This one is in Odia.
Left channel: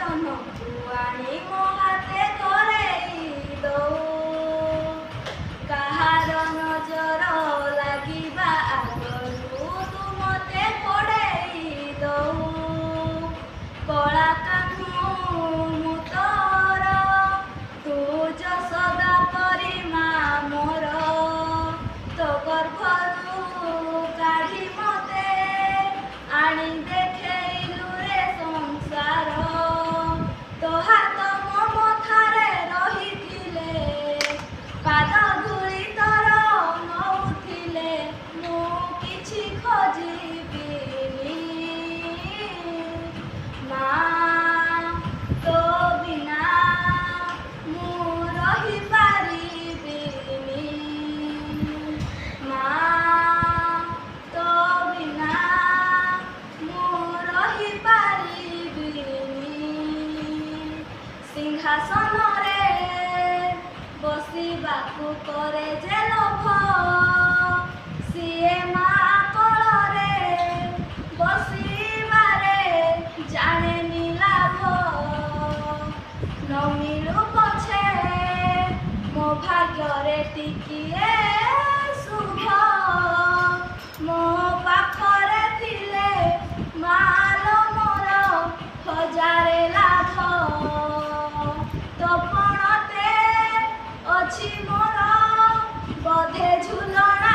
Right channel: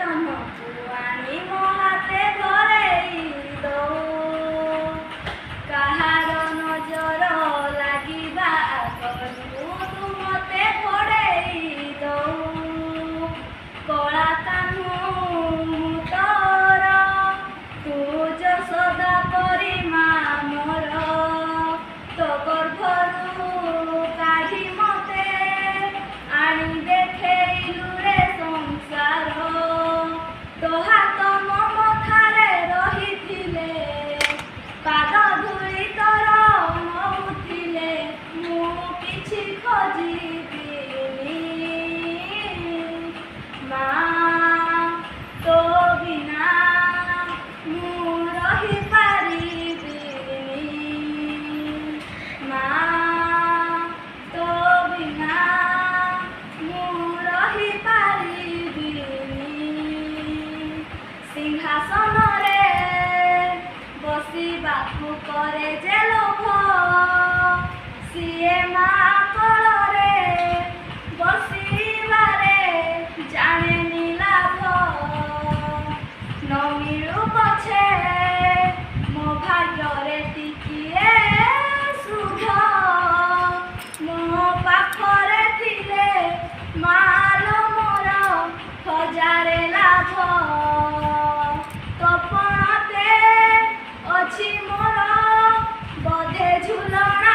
ଜହ୍ନକୁ ଆଣି ମୋ ହାତେ ଧରେଇ ଦଉ। କାହାର ନଜର ଲାଗିବା ଆଗରୁ ତୁ ମତେ ପଡ଼େଇ ଦଉ। କଳା କାହ୍ନୁ ମୁଁ ତୋର, ତୁ ଯଶୋଦା ପରି ମା ମୋର। ତୋ ଗର୍ଭରୁ କାଢ଼ି ମତେ ଆଣି ଦେଖେଇଲୁ ରେ ସଂସାର। ତୋ ହାତ ମୋ ମଥାରେ ରହିଥିଲେ, ପାଦ ଧୂଳି ତୋର ନଉଥିଲେ, ମୁଁ କିଛି ଖୋଜିବିନି। ମା ତୋ ବିନା ମୁଁ ରହିପାରିବିନି। ମା ତୋ ବିନା ମୁଁ ରହିପାରିବିନି। ସିଂହାସନରେ ବସିବାକୁ କରେ ଯେ ଲୋଭ, ସିଏ ମା କୋଳରେ ବସିବାରେ ଜାଣେନି ଲାଭ। ନ ମିଳୁ ପଛେ ମୋ ଭାଗ୍ୟରେ ଟିକିଏ ଶୁଭ, ମୋ ପାଖରେ ଥିଲେ ମାଲୋ ମୋର ହଜାରେ ଲାଭ। ତୋ ପଣତେ ଅଛି ମୋର ବୋଧେ ଝୁଲଣା